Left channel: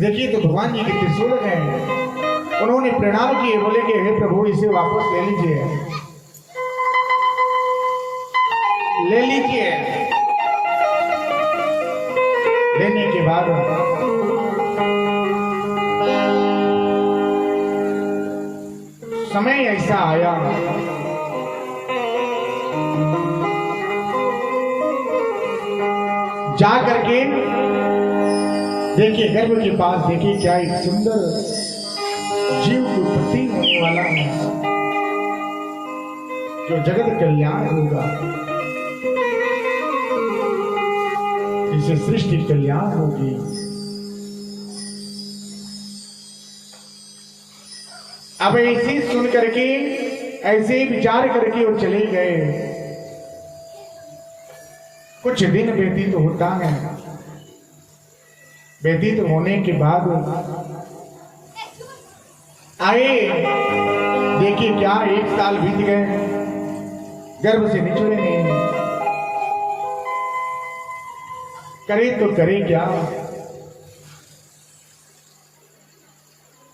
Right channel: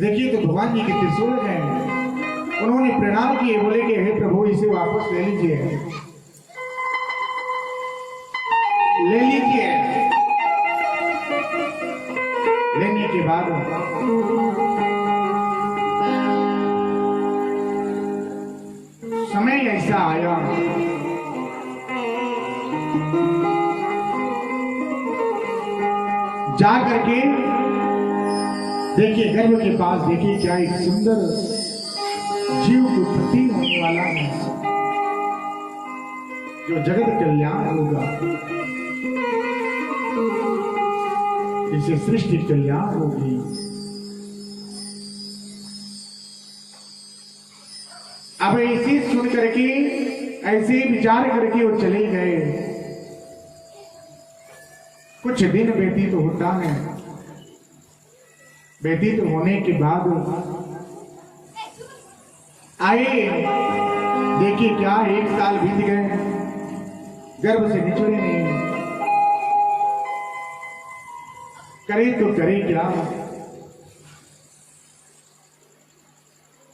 देखिए तो भगवान जी के त्रिशूल हैं, उन्होंने प्रणाम किए, बोले कि हे प्रभु इसे वापस ले लीजिए, ले लीजिए। लेने के बाद समय ऐसा आया जा करके देखिए गर्भ के पास, देखिए क्या एक सुंदर जीव की उत्पत्ति होने वाला है जो जगत कल्याण होगा, इसे सृष्टि कल्याण होगी। अब ऐसे सुन करके, ऐसे विचार करके वो चले गए। कुछ दिन व्यतीत होता है, व्यतीत होने के बाद आए, देखिए क्या 1 साल बीत गए, गर्भ से निचले नहीं, करे तो करे क्या।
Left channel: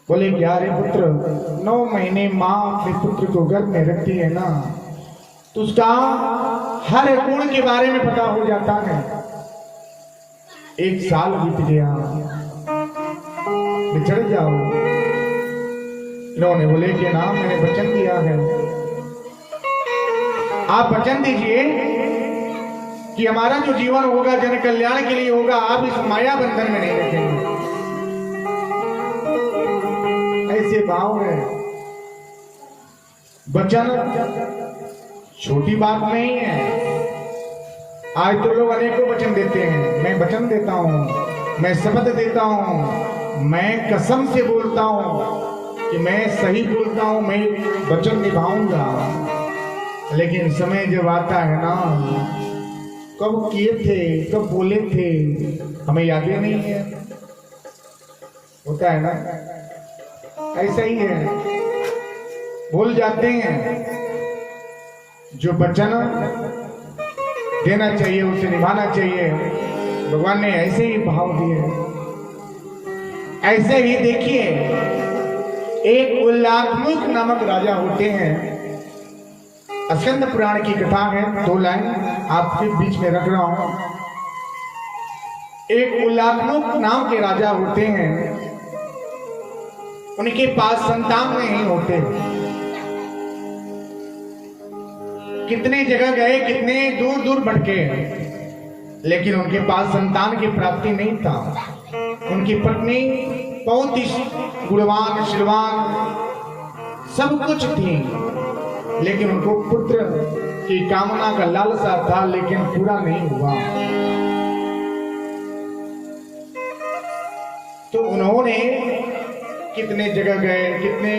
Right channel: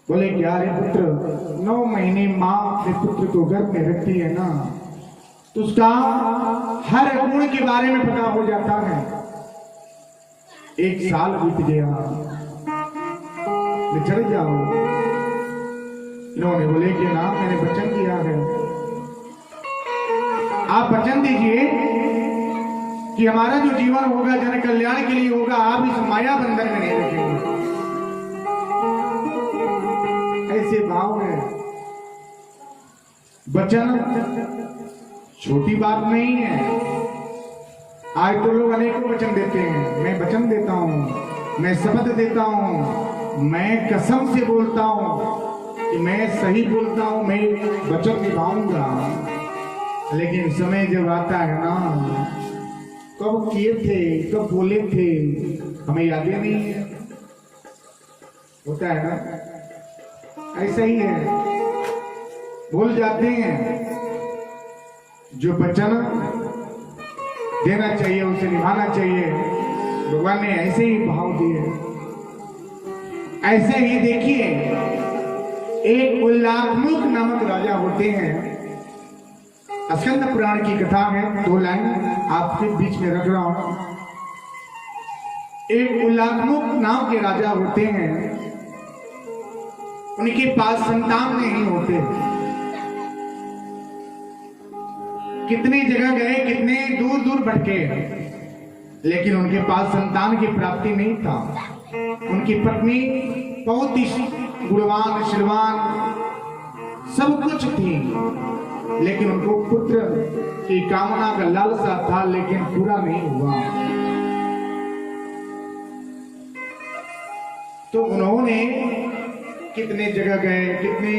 बोले क्या रे पुत्र, 9 महीने माँ अपने पुत्र को गर्भ में रखती है ना, तो उसका हर गुण के बारे में पता हो जाता है। 1 साल बीत गया, बिछड़ जाओ। इन्होंने बोले कि ना मैंने वचन दिया है, आप वचन दीजिए कि हमारा जो जीवन होगा जन कल्याण के लिए होगा, आप इस माया बंधन में नहीं रखेंगे। ऐसे भाव में वचन छोटी बात नहीं है। आज तो लोग अनेकों वचन देते हैं, मैं वचन देता हूं, मैं शपथ देता हूं, मैं कसम से बोलता हूं कि मैं सही बोलता हूं, मैं वचन निभाऊंगा। लेकिन समय जब आता है ना, कब किए थे, कब बोले थे, हमें याद ही नहीं है। होता है ना, ऐसा ही है, भूल जाते हैं। जो वचन देना चाहिए उसे निभाना चाहिए। भगवान ने ऐसे ही भाव दिए। ऐसे ही देखिए, एक उल्लाखमुख नामक राजा होते हैं। स्कंद पुराण की कथा है, 2 लाइन आपके बीच में रख रहा हूं। एक उल्लाखमुख नाम के राजा होते हैं, उनके पास संतान नहीं होते। कितने जगह गए, कितने दूर दूर भटके, लेकिन उनके पास संतान की प्राप्ति नहीं था। उनकी पत्नी बहुत ही गुणवान, शीलवान, सब कुछ थी, लेकिन उनको पुत्र की कामना का लालसा था, लेकिन पूरा नहीं हुआ। तो उन्होंने कितने जगह गए, कितने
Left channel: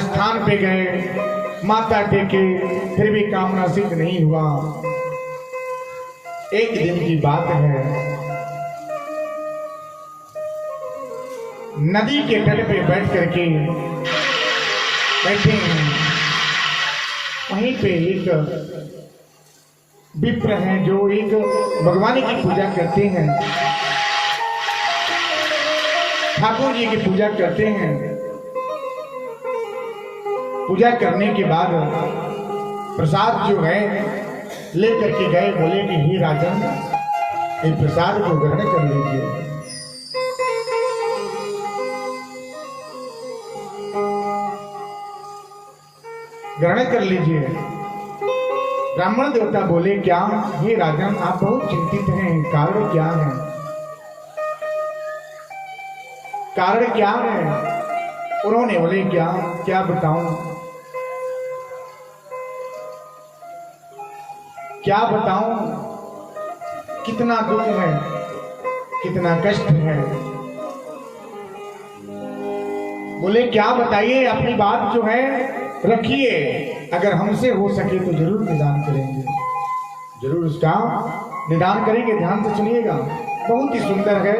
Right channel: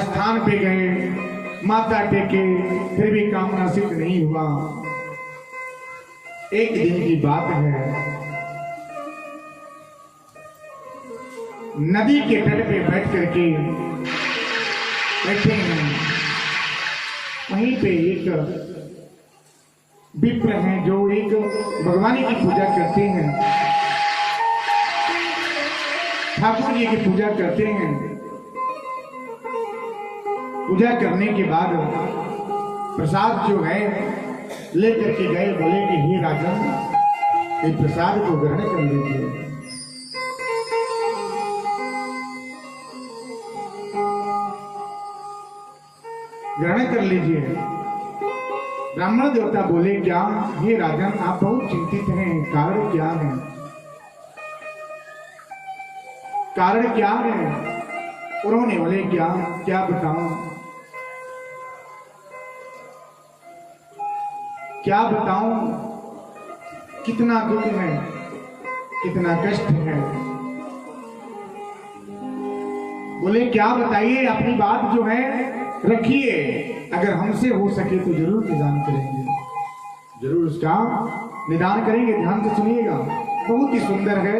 स्थान पे गए, माथा टेके, फिर भी कामना सिद्ध नहीं हुआ। एक दिन की बात है, नदी के तट पे बैठ करके बैठे हैं, वहीं पे एक विप्र हैं जो एक भगवान की पूजा करते हैं, ठाकुर जी की पूजा करते हैं। पूजा करने के बाद प्रसाद जो है लेकर के गए, बोले कि हे राजन, इस प्रसाद को ग्रहण कर लीजिए। ग्रहण कर लीजिए। ब्राह्मण देवता बोले क्या, हे राजन आप बहुत चिंतित हैं, कारण क्या है, कारण क्या है। उन्होंने बोले क्या बताऊं, क्या बताऊं, कितना दुख है, कितना कष्ट है। बोले क्या बताइए, अपनी बात जो है रखिए, अगर हमसे हो सके तो जरूर निदान करेंगे, जरूर उसका निदान करेंगे। ध्यान से सुनिएगा, बहुत ही सुंदर है।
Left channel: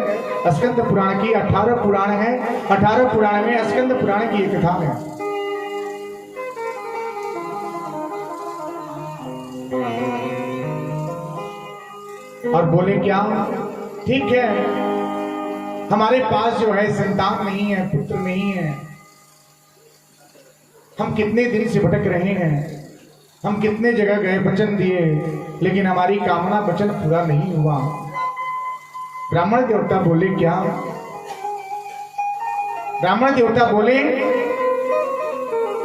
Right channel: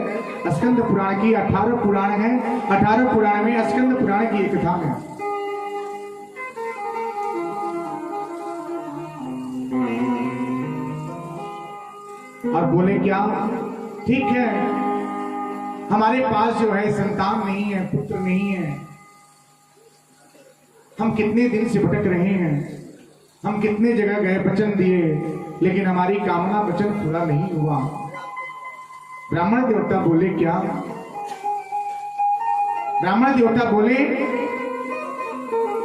स्कंद पुराण की 18 पुराण है, 18 पुराण में स्कंद पुराण की एक कथा है। और बोले क्या, ठीक है हमारे पास जो है संतान नहीं है, पुत्र नहीं है। हम कितने दिन से भटक रहे हैं, हम कितने जगह गए, वचन दिए, लेकिन हमारी कामना वचन पूरा नहीं हुआ। ब्राह्मण देवता बोले क्या? ब्राह्मण देवता बोले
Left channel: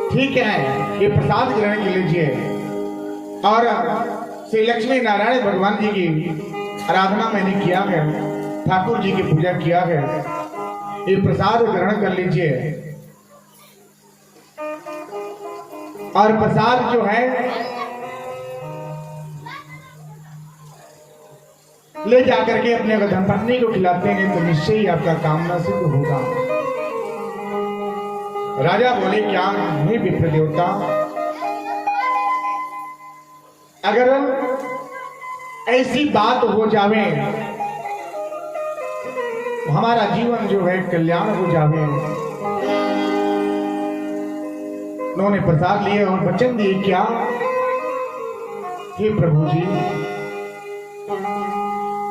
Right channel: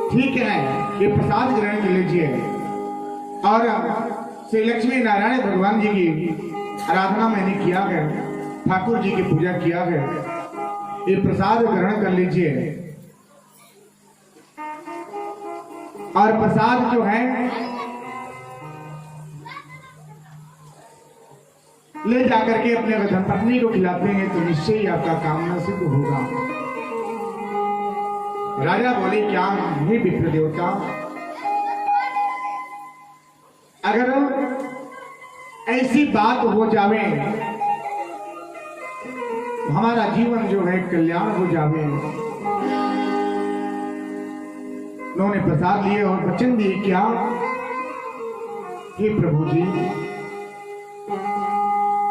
ठीक है, ये प्रसाद ग्रहण कर लीजिए और श्री लक्ष्मी नारायण भगवान जी की आराधना मैंने किया है, ठाकुर जी की पूजा किया है, ये प्रसाद ग्रहण कर लीजिए। और प्रसाद जो है ले जाकर के अपने धर्मपत्नी को खिलाते हैं तो निश्चय ही आपका कामना सिद्ध होगा। राजा बोले क्या? हे विप्र देवता, अगर ऐसी बात हो जावे, हमारा जीवन जो है कल्याण हो जावे। उन्होंने प्रसाद लिए और वचन दिए क्या? हे प्रभु जी,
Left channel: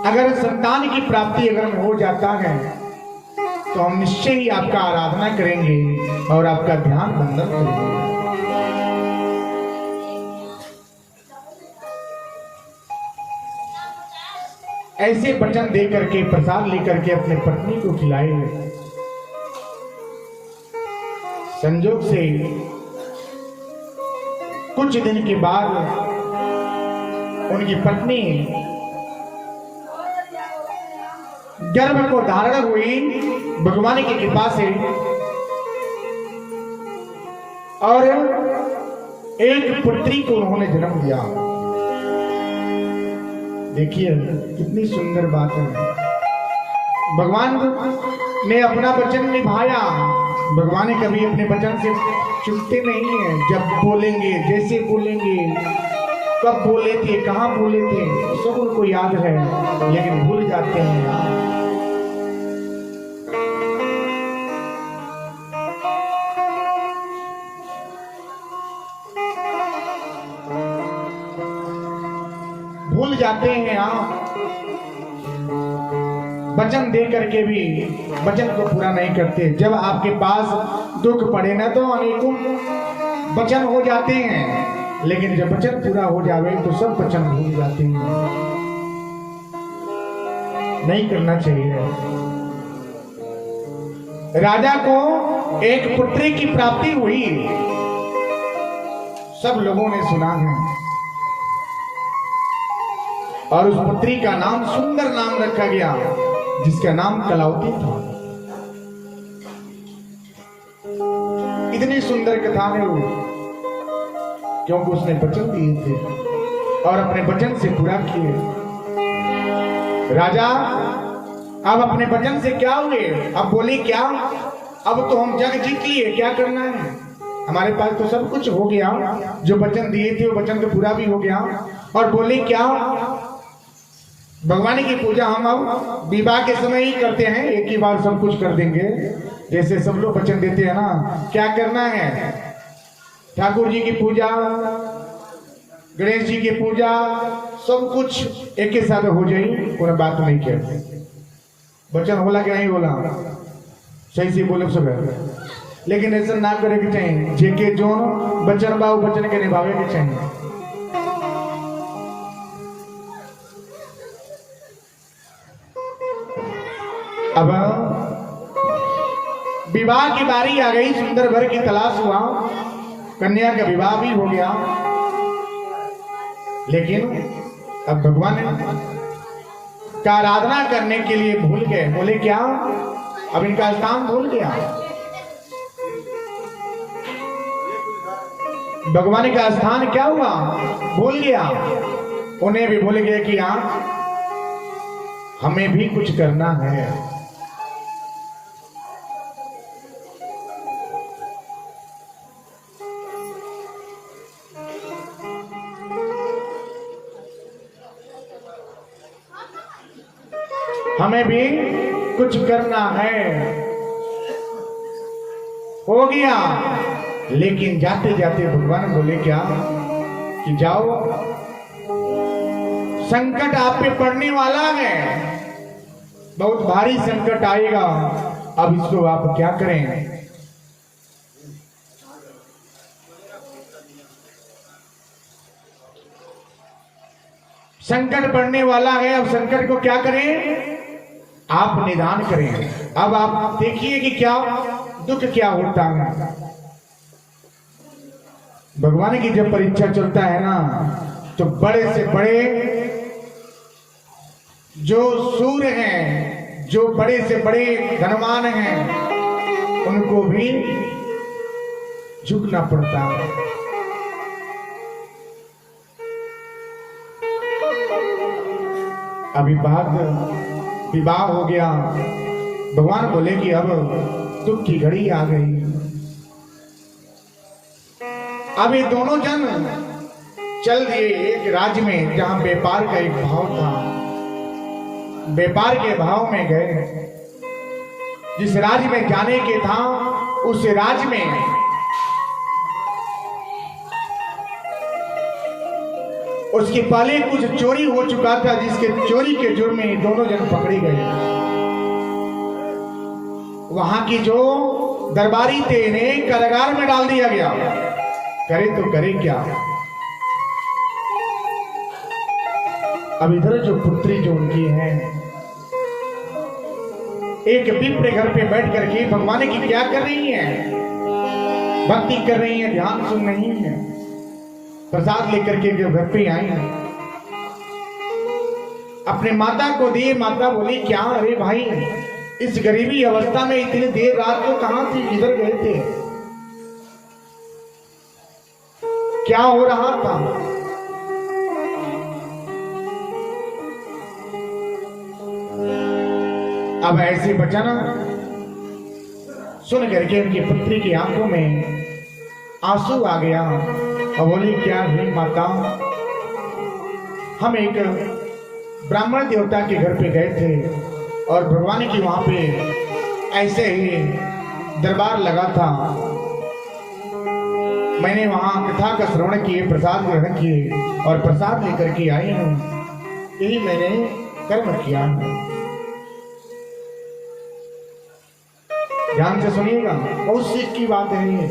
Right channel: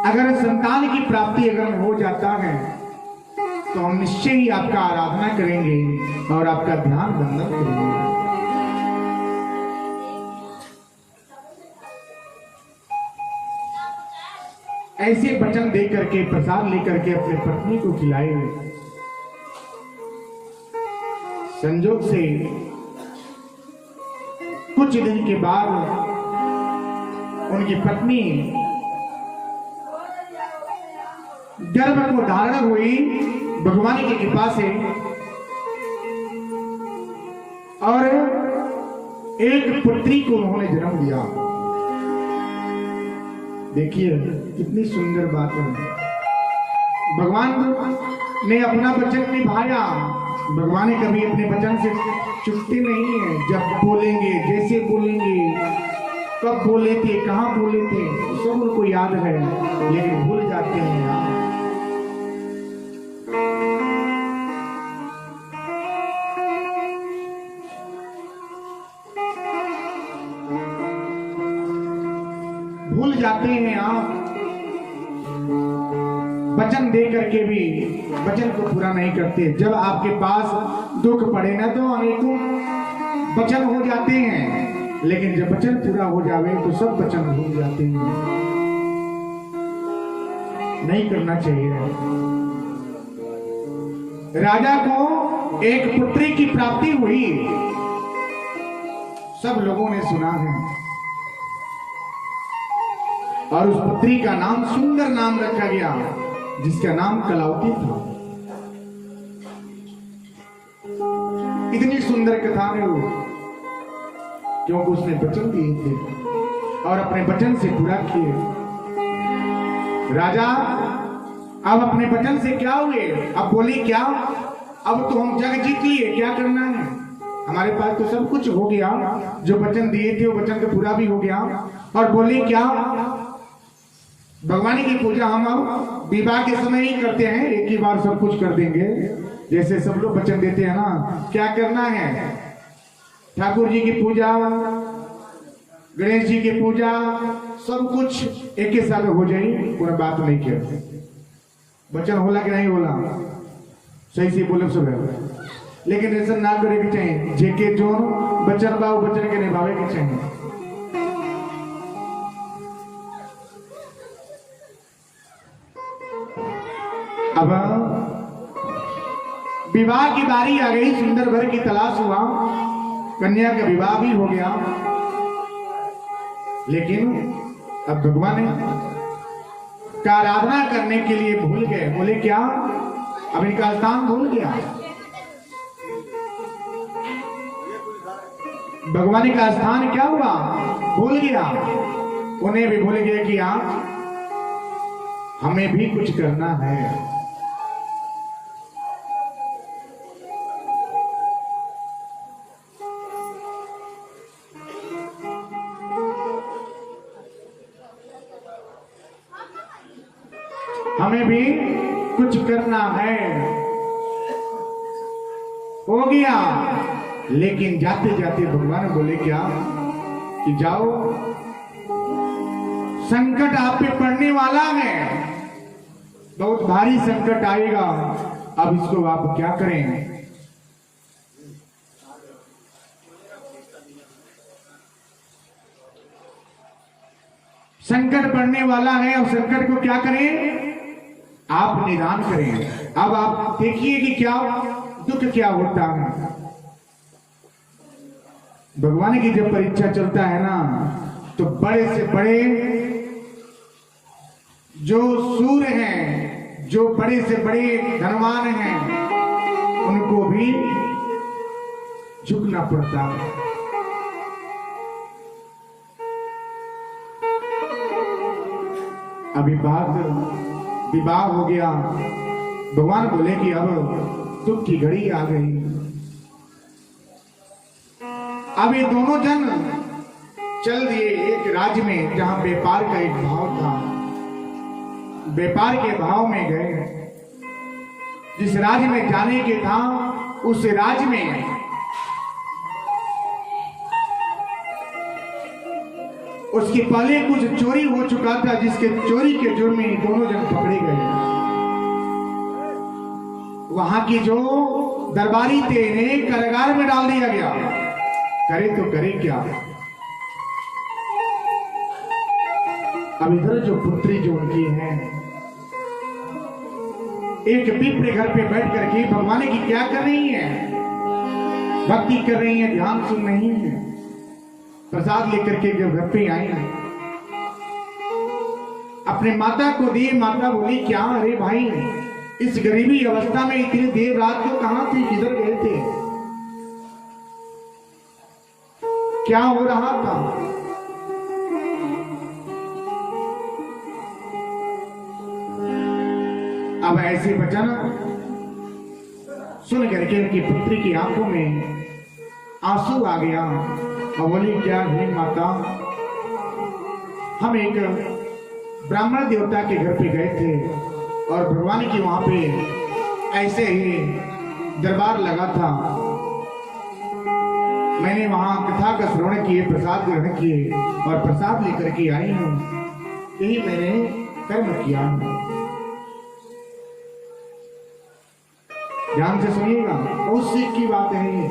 अगर संतान की प्राप्ति अगर हो जाता है तो हम निश्चय ही आपका आराधना करेंगे और आपका ध्यान बंधन करेंगे। ऐसे वचन दे करके, प्रसाद लेकर के अपने पत्नी को खिलाए। संजोग से कुछ दिन के बाद उनकी पत्नी गर्भ को धारण हुई भगवान की कृपा से और एक पुत्री को उन्होंने जन्म दिया। देखिए कितनी सुंदर बात है। भगवान ने अपना वचन निभाया। भगवान कभी अपने वचन से चूकते नहीं है। जब बोलेंगे, जैसे बोलेंगे, कब बोले थे, कहां बोले थे, सब उनको याद है, लेकिन भूल जाते हैं यार। भूल जाते हैं आप। वचन दे करके भी वचन को पूरा नहीं करते। जब आपके पास दुख पड़े ना तो अनेकों वचन हो जाते हैं, लेकिन जब वचन पूरा हो जावे तो सब वचन भूल जाते हैं। नहीं करना चाहिए। राजा को एक पुत्री की प्राप्ति हुई, सब लोगों ने सुना है, और उस पुत्री का नाम, सुंदर नाम रखा गया, जिसका नाम कलावती था। इतनी सुंदर कथा है वो, क्योंकि उसने वचन दिए थे और अपने वचन से पूरा किए। राजा अब अपने वचन से क्या हुए? अब बोली क्या? अब तो हम जग जीत लिए, क्या करना है? हमारे पास तो सब कुछ हो गया, जो वचन दिए थे वो वचन तो पूरा भी हो गया। और बोली क्या? भगवान की पूजा हम अब विवाह के समय ही करते हैं, एक ही बार सब कुछ कर देंगे, जैसे सब लोग वचन देते हैं ना। क्या करना है? ठाकुर जी की पूजा, गणेश जी की पूजा, सब कुछ एक ही साथ हो जाए, कोई बात नहीं कहते। वचन होला कि नहीं होला? सही से बोले सब है, लेकिन ऐसा ना करे के चाहिए। जेके जो वचन बा वचन के निभावे के चाहिए। अब विवाह की बारी आ गई, सुंदर वर की तलाश हुआ, कन्या का विवाह भी हो गया, लेकिन अब भगवान का आराधना करने के लिए भूल गए। बोले क्या? अब इनका स्थान भूल गया। भगवान का स्थान क्या हुआ? भूल गया। उन्हें भी भूल गया कि हाँ हमें भी कुछ करना है। हमें भी कुछ करना है। हो गया, लेकिन जाते जाते भगवान बोले क्या कि जाओ, संकट आप पे पड़ने वाला है, बहुत भारी संकट आएगा। अब इसको आप क्या करें? संकट पड़ने वाला है, अब संकट को क्या करें? आप निदान करें। अब आप देखिए कि क्या दुख क्या होता है। भगवान की जब परीक्षा चलता है ना, तो बड़े से बड़े जो सूर हैं, जो बड़े से बड़े धनवान हैं, उनको भी झुकना पड़ता है। अभी बात विवाह हो गया, भगवान बोले कि अब दुख की घड़ी आ गई। अब ये दोनों जन चल दिए एक राज्य में जहां व्यापार का एक भाव था। व्यापार के भाव में गए। जिस राज्य में जाने के था, उस राज्य में उसके पहले कुछ चोरी हो चुका था, जिसके चोरी के जुर्म में दोनों जन पकड़े गए। वहां की जो दरबारी थे, इन्हें कारागार में डाल दिया गया। करे तो करे क्या? अब इधर जो पुत्री जो उनकी है, एक विप्र घर पे बैठ करके भगवान की क्या कर रही है? भक्ति कर रही है, ध्यान सुन रही है। प्रसाद लेकर के जो घर पे आई, अपने माता को दिए। माता बोली क्या? अरे भाई, इस गरीबी अवस्था में इतनी देर रात को कहां थे, किधर गए थे, क्या हो रहा था? अब ऐसे वचन सुन करके उनकी पुत्री की आंखों में आंसू आ गया और बोली क्या है माता, हम एक ब्राह्मण देवता के घर पे गए थे और भगवान की वहां पे ऐसे ही दरबार लगा था। मैंने वहां कथा का श्रवण किए, प्रसाद ग्रहण किए और प्रसाद लेकर के आई हूं। यही मैंने कर्म किया। ध्यान से सुनिएगा, बहुत सीख की बात है, ये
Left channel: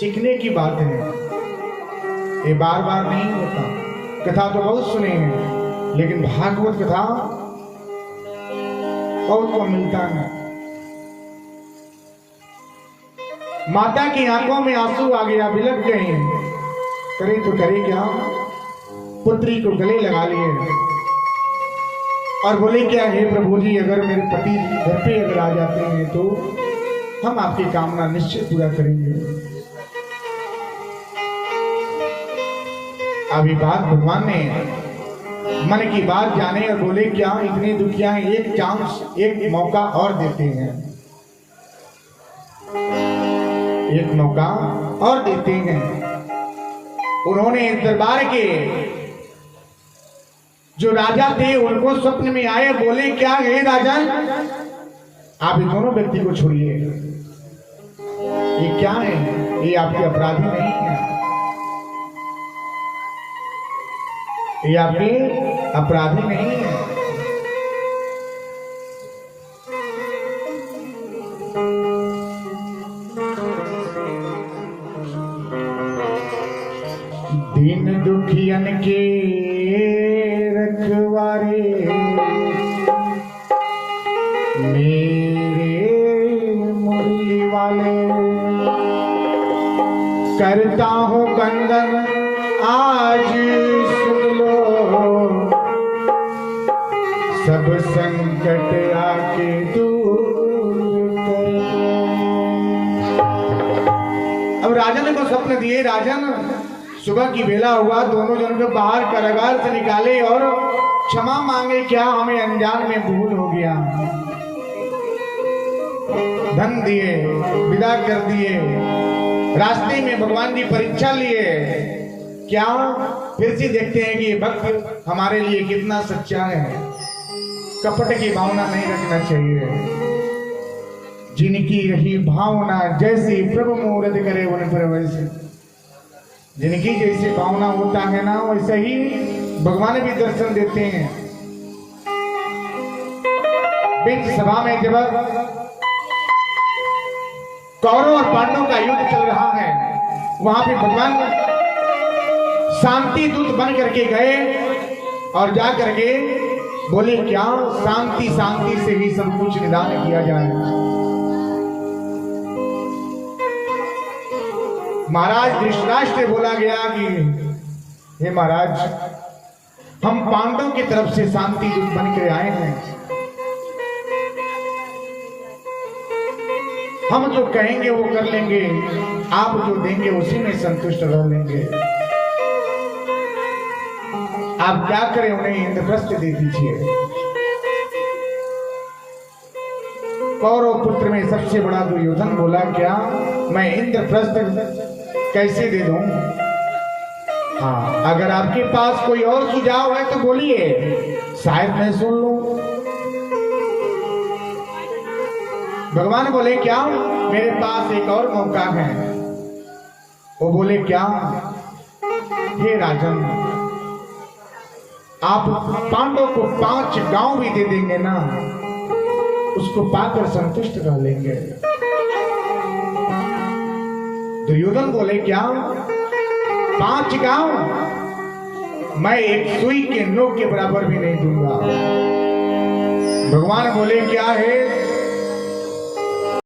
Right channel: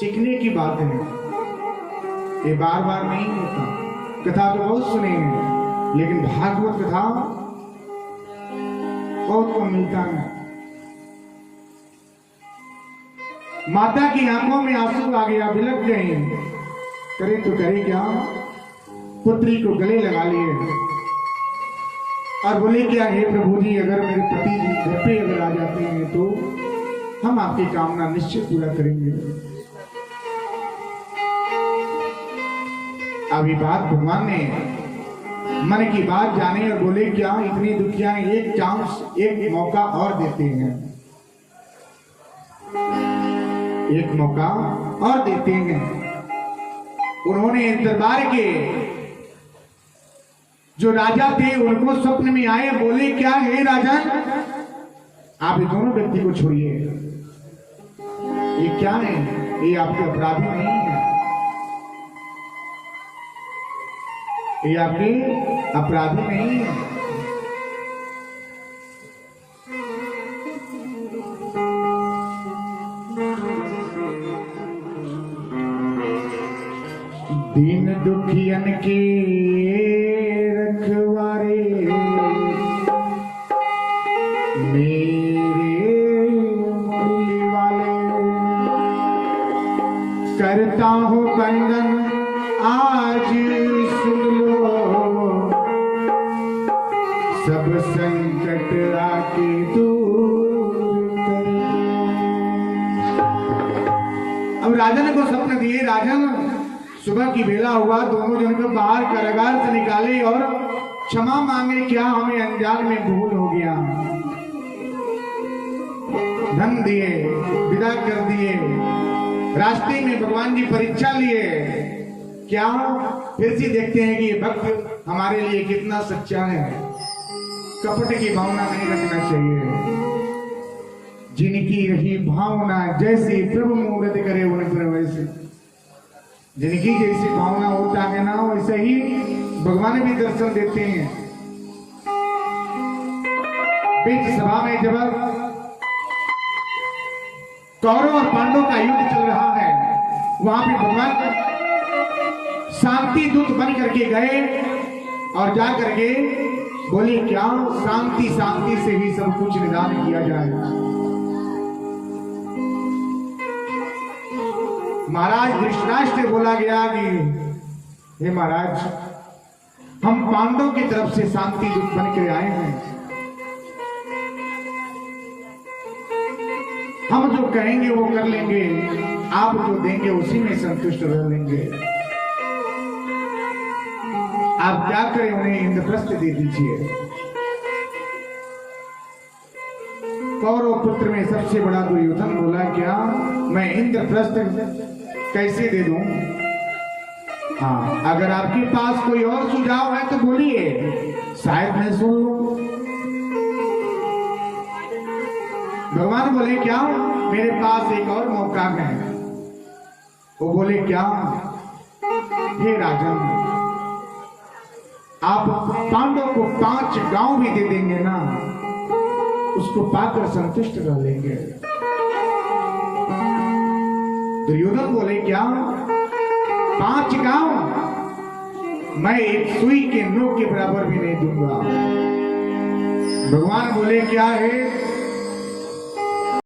सीखने की बात है। ये बार बार नहीं होता। कथा तो बहुत सुने हैं, लेकिन भागवत कथा बहुत को मिलता है। माता की आंखों में आंसू आ गया, बिलक गए। करे तो करे क्या? पुत्री को गले लगा लिए और बोले क्या है प्रभु जी, अगर मेरे पति घर पे अगर आ जाते हैं तो हम आपकी कामना निश्चित पूरा करेंगे। अभी बात भगवान ने मन की बात जाने और बोले क्या इतनी दुखियां, एक चांस, एक मौका और देते हैं, एक मौका और देते हैं। उन्होंने दरबार के जो राजा थे उनको स्वप्न में आए, बोले क्या है राजन, आप इन दोनों व्यक्ति को छोड़िए। ये क्या है? ये आपके अपराधी नहीं है, ये आपके अपराधी नहीं है। दीन दुखियन के रखवारे मेरे मुरली वाले, करता हूँ कंदन आज सुन लो, सब संकट आके दूर करो। अब राजन को स्वप्न दिए। राजन सुबह की बेला हुआ, दोनों जन को बाहर कारागार से निकाले और क्षमा मांगे, क्या हमें अनजान में भूल हो गया। धन दिए, विदा कर दिए। रास्ते में भगवान की परीक्षा लिए। क्या फिर से देखते हैं कि ये भक्त हमारे लिए कितना सच्चा है। कपट की भावना नहीं रखना चाहिए। जिनकी रही भावना जैसी प्रभु मुहूर्त करे उन पर वैसे, जिनकी जैसी भावना होता है ना, वैसे ही भगवान भी दर्शन देते हैं। बीच सभा में जब कौरव और पांडवों का युद्ध चल रहा है, वहां पे भगवान शांति दूत बन करके गए और जा करके बोले क्या शांति शांति से ही सब कुछ निदान किया जाए। महाराज धृतराष्ट्र से बोला गया कि हे महाराज, हम पांडवों की तरफ से शांति दूत बन के आए हैं, हम जो कहेंगे वो कर लेंगे, आप जो देंगे उसी में संतुष्ट रह लेंगे। आप क्या करें, उन्हें इंद्रप्रस्थ दे दीजिए। कौरव पुत्र में सबसे बड़ा दुर्योधन बोला क्या मैं इंद्रप्रस्थ कैसे दे दूं? हाँ, अगर आपके पास कोई और सुझाव है तो बोलिए, शायद मैं सुन लूं। भगवान बोले क्या मेरे पास एक और मौका है। वो बोले क्या? हे राजन, आप पांडवों को 5 गांव भी दे देंगे ना, उसको पाकर संतुष्ट रह लेंगे। दुर्योधन बोले क्या 5 गांव? मैं एक सुई के नोक के बराबर भी नहीं दूंगा। भगवान बोले क्या है